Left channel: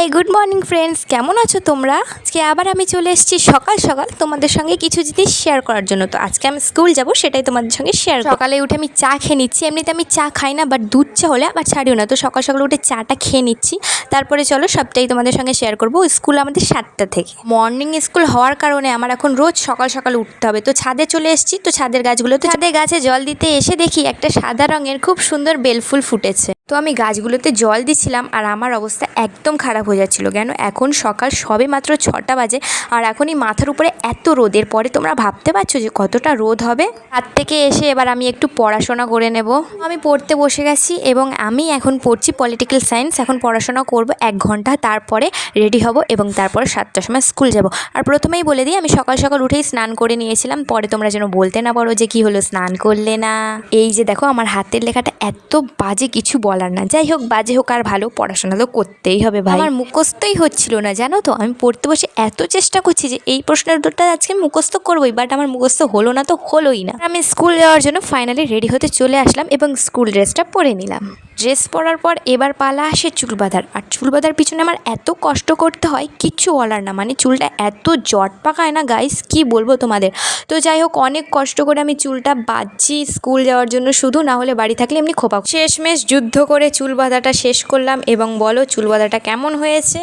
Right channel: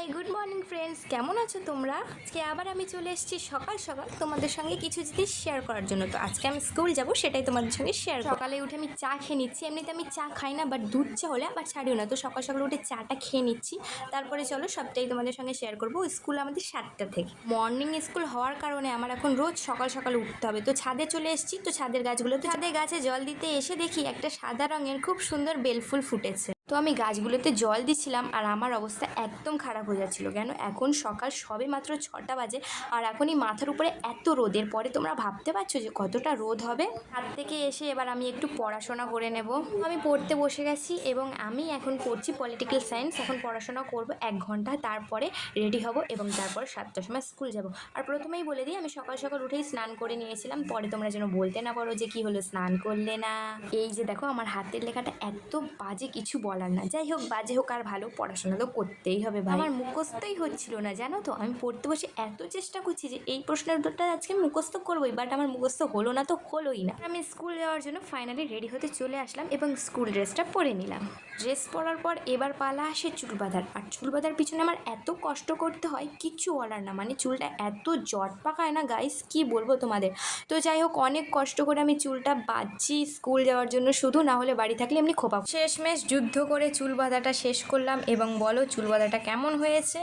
Hi good morning friends, কেমন আছো তোমরা? আজকে আবার আমি চলে এসেছি সকাল সকাল তোমাদের সঙ্গে কিছু জিনিস শেয়ার করার জন্য। তো আজকে আমি স্কুল যাব, সেটাই তোমাদের সঙ্গে শেয়ার। সকালে উঠে আমি চা খেয়ে নিচ্ছি। এমনিতে আমি চা খাই না, বাট দুধ চা হলে আবার ছাড়িও না। তো সকাল সকাল উঠে চাটা খেয়ে নিচ্ছি। তারপরে চলো সবটাই তোমাদের সঙ্গে শেয়ার করবো। স্কুল আমাদের 7টা থেকে, মর্নিং স্কুল হওয়ার কারণে আমার এখন রোজ সকাল সকাল উঠতে হবে। তো ছাদে চলে এসেছি। তো ছাদের গাছগুলোতে, ছাদে গাছে জল দিতে এসে দেখি একটা সাদা রঙের খুব সুন্দর বেলফুল ফুটেছে। তো আমি গাছগুলোতে জল দিচ্ছিলাম আর আমার অবস্থা একদম খারাপ হয়ে যাচ্ছিলো। কেন, এখন সকাল সবে মাত্র 6টা বাজে আর এখনই মাথার উপরে এত রোদের পরে তোমরা ভাবতে পারছো যে কতটা রোদ হবে। হাত থেকে এসে এবার আমি একটু পড়াশোনা করে নেব। আমি পড়তে বসে গেছি এবং আমি এখন পড়ছি পলিটিক্যাল সায়েন্স। এখন পড়াশোনা করব 1 ঘন্টা, তারপরে রেডি হব এবং তারপরে 7টার সময় স্কুল যাব। আর প্রথমেই বলে দিই, আমি সকাল সকাল উঠেই স্নান করে নিয়েছিলাম। পরে তোমরা যেন বলতে না পারো যে কি হলো, স্নান করলে না। এই যে দেখো আমার হাতের লেখাটা এত বাজে, কিছু বলার না। যাই হোক, বাজে হোক আর ভালো, পড়াশোনা তো করতেই হবে ভাই। আমার মুখস্থই হচ্ছিল না, জানো তো। আমি পড়তে বসে এত চেষ্টা করছি যে এই প্রশ্নের উত্তরটা আজকে মুখস্থ করবোই, বাট আমার মুখস্থ হলো না, তো হলোই না। আমি স্কুল যাওয়ার জন্য ফাইনালি রেডি হতে চলে আসলাম এবং স্কুল ড্রেসটা পরে নিলাম। ড্রেস পরার পর এবার পালা আসে চুল বাঁধার। আর চুল বাঁধার পিছনে আমার এত কষ্ট করতে হয়, কিচ্ছু বলার না। মানে চুলটা এত জট পাকায় না গাইস, কি বলবো তোমাদের। তো যাই হোক, অনেক কষ্ট করে আমি চুলটা বাঁধছি স্কুল যাওয়ার জন্য শুধু, না হলে বাড়ি থাকলে এমনি খোপা। শেষমেশ যুদ্ধ করে চুল বাঁধাটা শেষ করলাম এবং বলো চুল বাঁধাটা কেমন হয়েছে।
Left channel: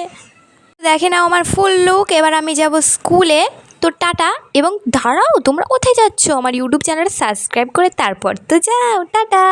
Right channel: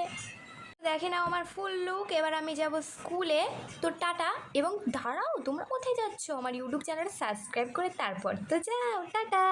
দেখে নাও আমার ফুল লুক। এবার আমি যাব স্কুলে। তো টাটা। এবং দাঁড়াও, তোমরা কোথায় যাচ্ছ? আমার ইউটিউব চ্যানেলটা সাবস্ক্রাইব করে তারপর তো যাও। টাটা।